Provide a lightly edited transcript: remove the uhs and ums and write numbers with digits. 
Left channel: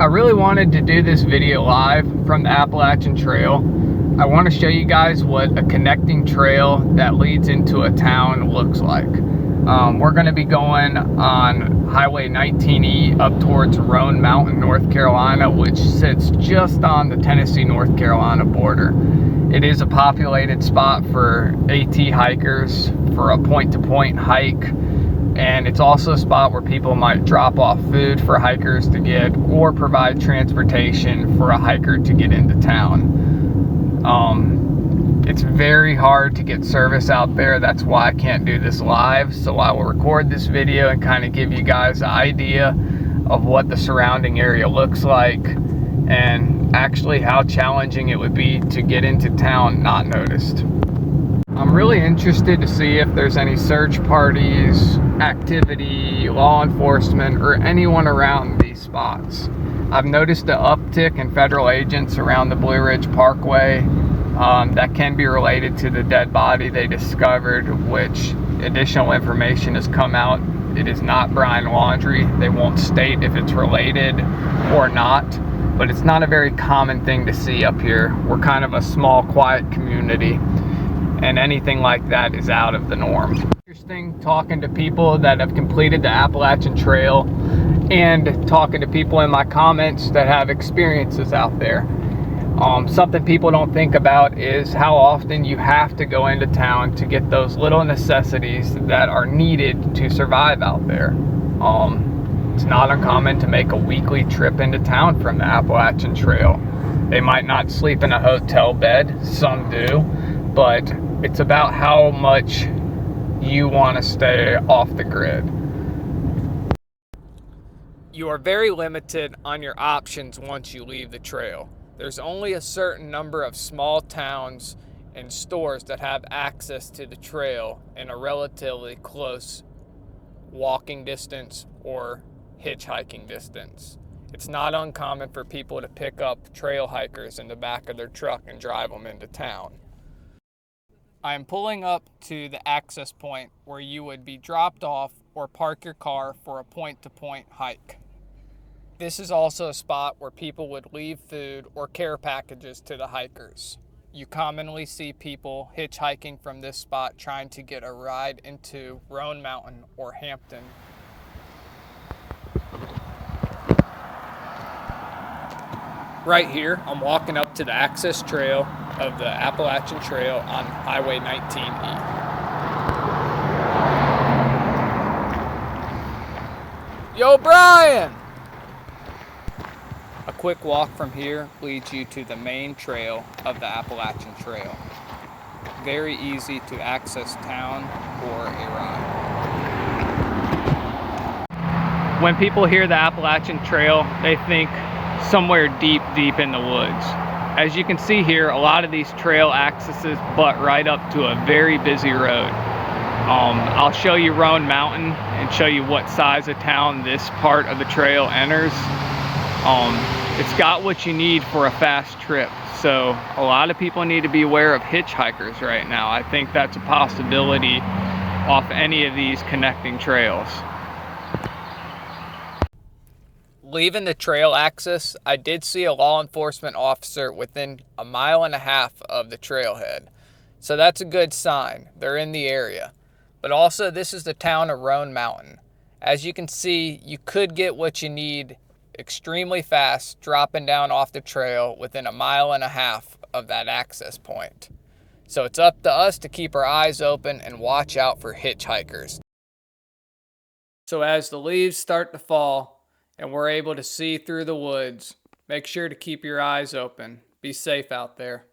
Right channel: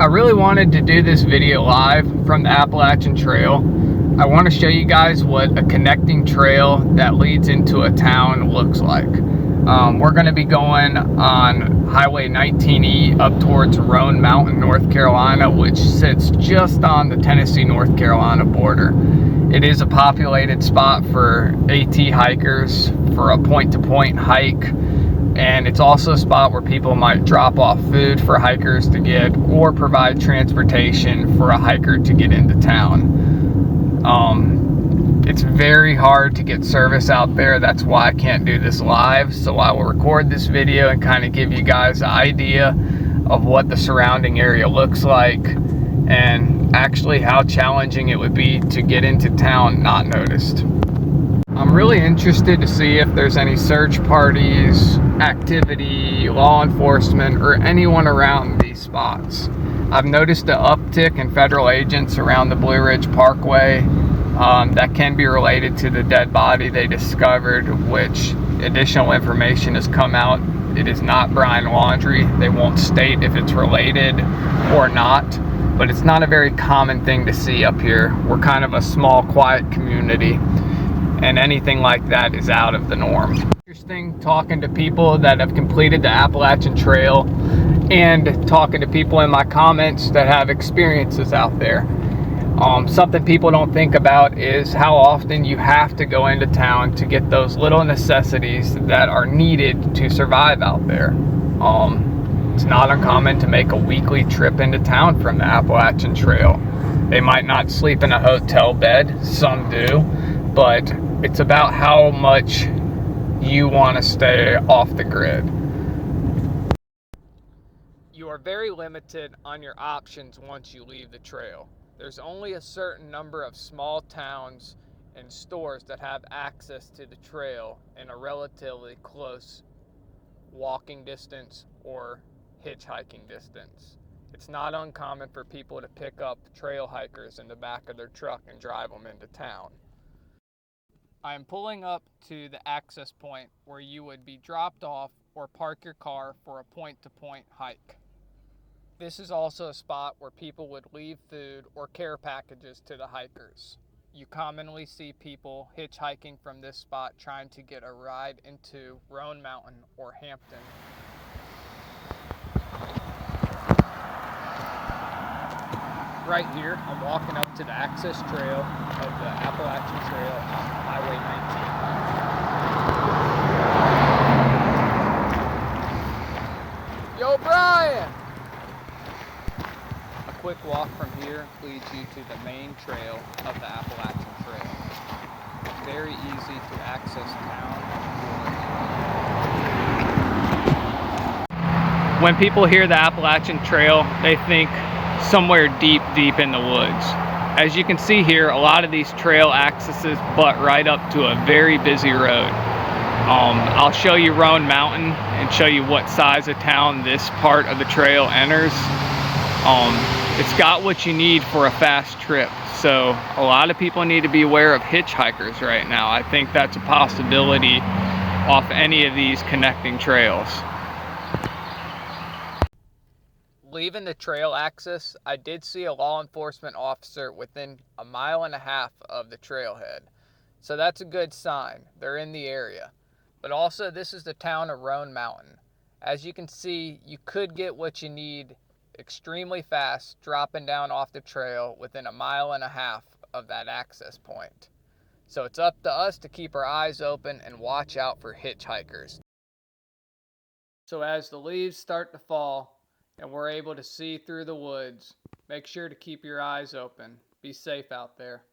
I really wanted to do this video live from the Appalachian Trail. I want to show you guys what a connecting trail that leads into a town looks like. We're going to be going on Highway 19E up towards Roan Mountain, North Carolina, which sits just on the Tennessee-North Carolina border. It is a populated spot for AT hikers for a point-to-point hike. And it's also a spot where people might drop off food for hikers to get or provide transportation for a hiker to get into town. It's very hard to get service out there. That's why I can't do this live. So I will record this video and kind of give you guys an idea of what the surrounding area looks like and actually how challenging it would be to get into town not noticed. I'm really interested to see if there's any search parties, activity, law enforcement, or anyone around these spots. I've noticed an uptick in federal agents around the Blue Ridge Parkway. That can be related to the dead body they discovered, which additional information has come out. It is not Brian Laundrie. They won't state if it's related or not, but it's not a very common thing to see up here. We're kind of a small, quiet community, and anything like that is out of the norm. Interesting talking to people that have completed the Appalachian Trail and talking to people in my comments that have experiences out there. Something people don't think about is how often you have to go into town to get those little necessities that are needed to survive out there. It's not uncommon to make a weekly trip into town from the Appalachian Trail. They might not sleep in a hotel bed, some do, but it's about how much you want to stay off the grid. You are very limited on your options once you leave the trail. There's only a certain number of small towns and stores that have access to the trail in a relatively close walking distance or hitchhiking distance. It's not uncommon for people to pick up trail hikers in the back of their truck and drive them into town. I am pulling up to the access point where you would be dropped off or park your car for a point-to-point hike. This is also a spot where people would leave food or care packages to the hikers. You commonly see people hitchhiking from this spot trying to get a ride into Roan Mountain or Hampton. Right here, I'm walking up to the access trail of the Appalachian Trail on Highway 19E. Yo, Brian! A quick walk from here leads you to the main trail of the Appalachian Trail. Very easy to access town or a ride. When people hear the Appalachian Trail, they think somewhere deep in the woods. As you can see here, a lot of these trail accesses butt right up to a very busy road. I'll show you Roan Mountain and show you what size of town this part of the trail enters. It's got what you need for a fast trip. So a lot of people need to be aware of hitchhikers right now. I think that's a possibility off any of these connecting trails. Leaving the trail access, I did see a law enforcement officer within a 1.5 miles of the trailhead. So that's a good sign. They're in the area. But also, this is the town of Roan Mountain. As you can see, you could get what you need extremely fast dropping down off the trail within a 1.5 miles of that access point. So it's up to us to keep our eyes open and watch out for hitchhikers. So as the leaves start to fall and we're able to see through the woods, make sure to keep your eyes open. Be safe out there.